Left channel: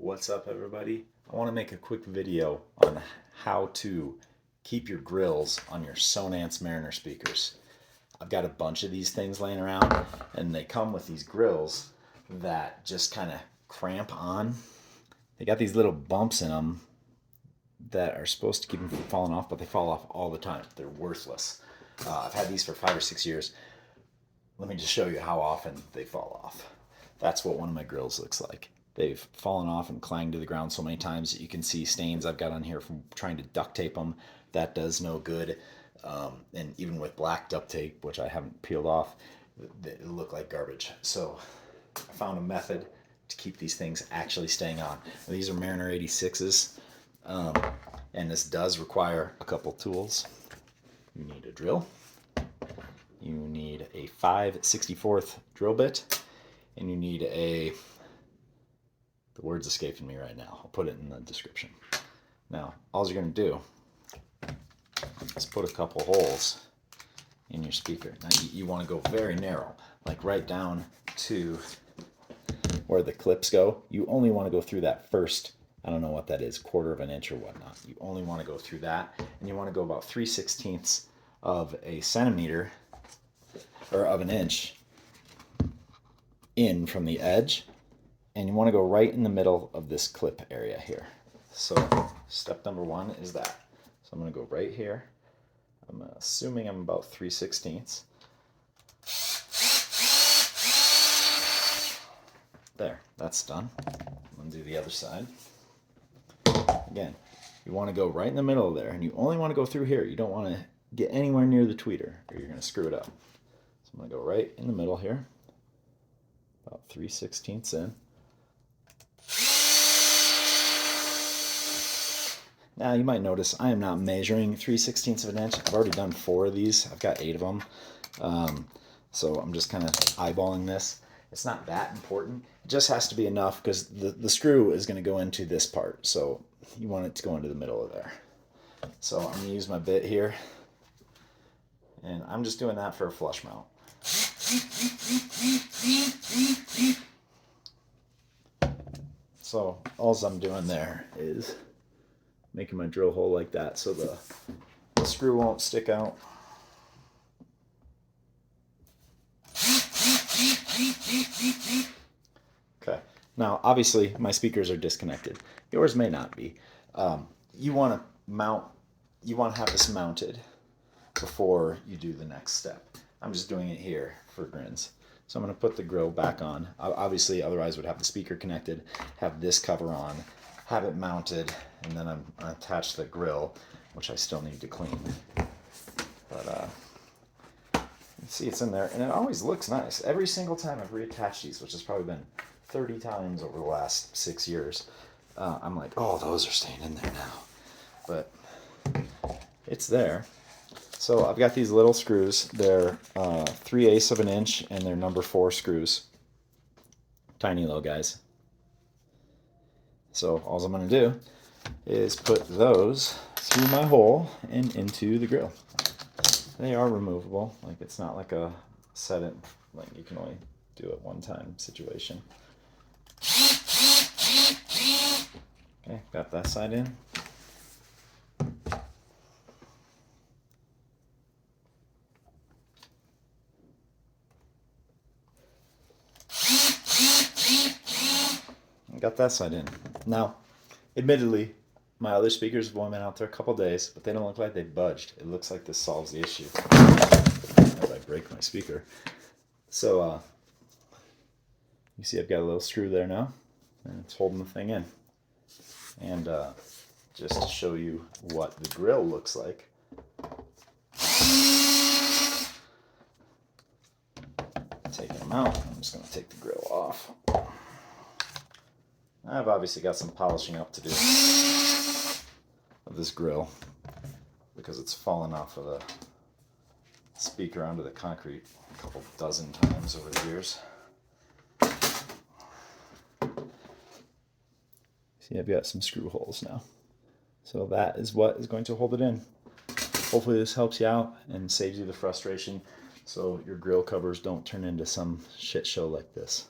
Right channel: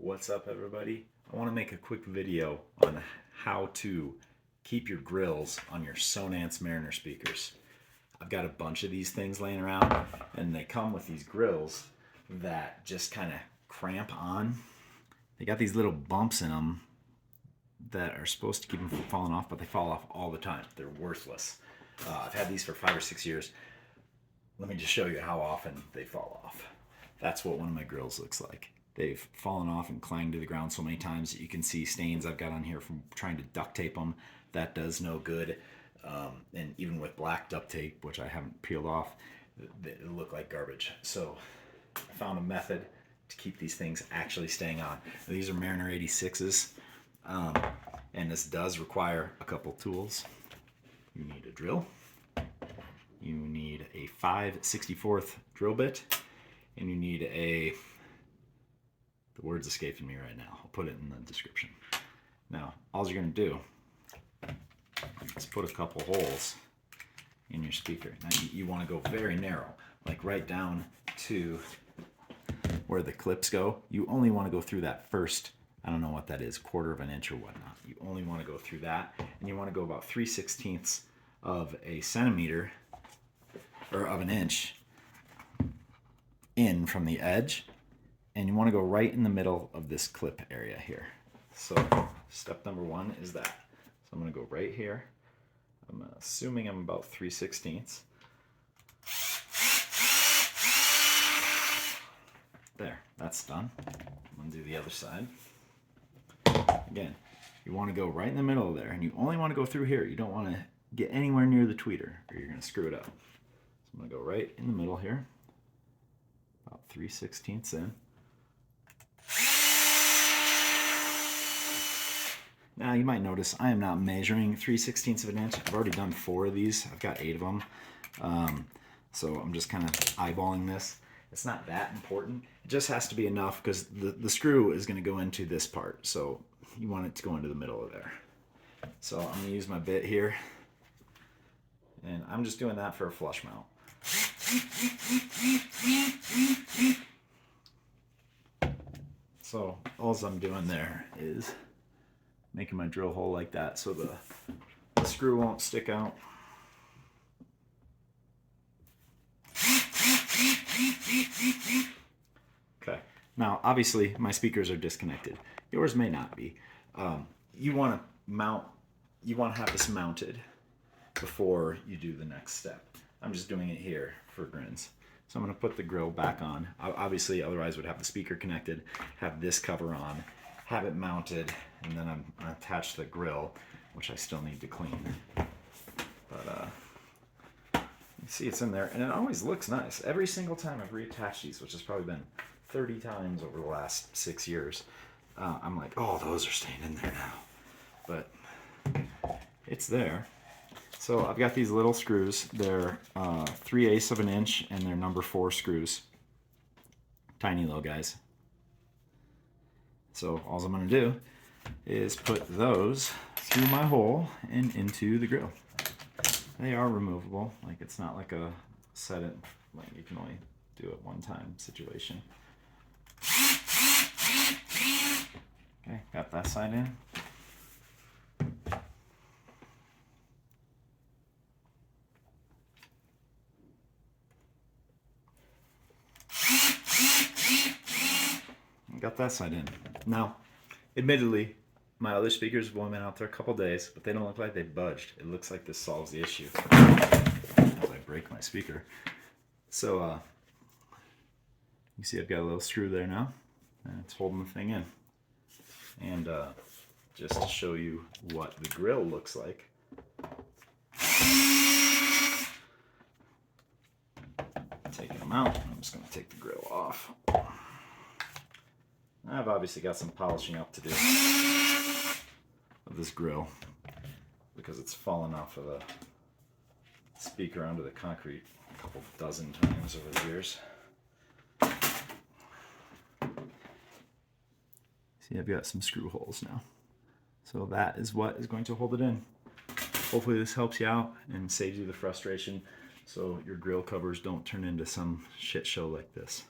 What's up, everybody? I want to make a quick video on how to keep your grills on your Sonance Mariner speakers. I've got a bunch of these things laying around, and they come with these grills that just kind of cramp on. They got these little bumps in them that are supposed to keep them from falling off, but they fall off all the time. They're worthless. I've had these for 5 or 6 years. Let me just show you how often they fall off. That's what one of my grills looks like. They've fallen off and clanged to the ground so many times that you can see stains I've got on here from trying to duct tape them. That does no good. And even with black duct tape, which I haven't peeled off, they look like garbage. So I found a method to keep these things actually staying on. Now, these are Mariner 86s, and this does require a couple tools. You need a drill. You need a 5/64 drill bit, and you need the word's escaping me right now. I'll put it in the description. Now, all you're going to do is put a couple holes in your speaker. Now, you want to go very narrow, like right down to where the clips go. You only want to go through that first, I don't know what that is, 1/4 of an inch or whatnot. You only want to go through that, and you want to go about 3/16 of a centimeter, or of an inch, in from the edge. And you want to go right in the middle of this clip area here. So step number 1 is that. So I'm going to go right here. I'm assuming I'm about 3/16. There, that's done. I'm going to do the other side. Again, you want to go right in the middle of there, and you only want to go through here. You don't want to get anywhere near the tweeter, or you're going to screw it up. So I'm going to go right in the middle here, about 3/16 in. Now you might notice I am not measuring 3/16 of an inch. I've already done 4 of these. I've got 8 of them. So I'm just kind of eyeballing this. It's not that important. It just has to be enough because the screw is going to go into this part. So you want it to go into the middle of there. So I'm going to use my bit here. And I'm just doing that for a flush mount. So all I'm doing there is making my drill hole like that so the screw won't stick out. Okay, now obviously my speakers are disconnected. Yours may not be. You want to have this mounted before you do the next step. I'm just doing it here for grins. So I'm going to put the grill back on. Obviously, otherwise would have the speaker connected, have this cover on, have it mounted, and then I'm going to attach the grill, which I still need to clean. But you see it's in there, and it always looks nice. Every single time I've reattached these, which has probably been 30 times over the last 6 years, I'm like, oh, those are staying in there now. But it's there. So I've got these little screws. They're 3/8 of an inch, and they're number 4 screws. Tiny little guys. So all I'm going to do is put those through my hole and into the grill. They are removable. Like, it's not like a set it, like you can only do it one time situation. Okay, got that side in. Got that side in. Now, admittedly, my other speakers have only been out there a couple days, but they don't look like they budged. It looks like this solves the issue. As I break my speaker. So, you see I've got a little screw there now, and it's holding the thing in. And just to show you what the grill looks like, taking them out, I'm just going to take the grill off. I've obviously got some polishing up to do of this grill because it's fallen off of the speaker onto the concrete a couple dozen times over the years. See, I've got some screw holes now. So that is what is going to hold it in. Hopefully this helps you out and saves you the frustration so your grill covers don't turn into some shit show like this.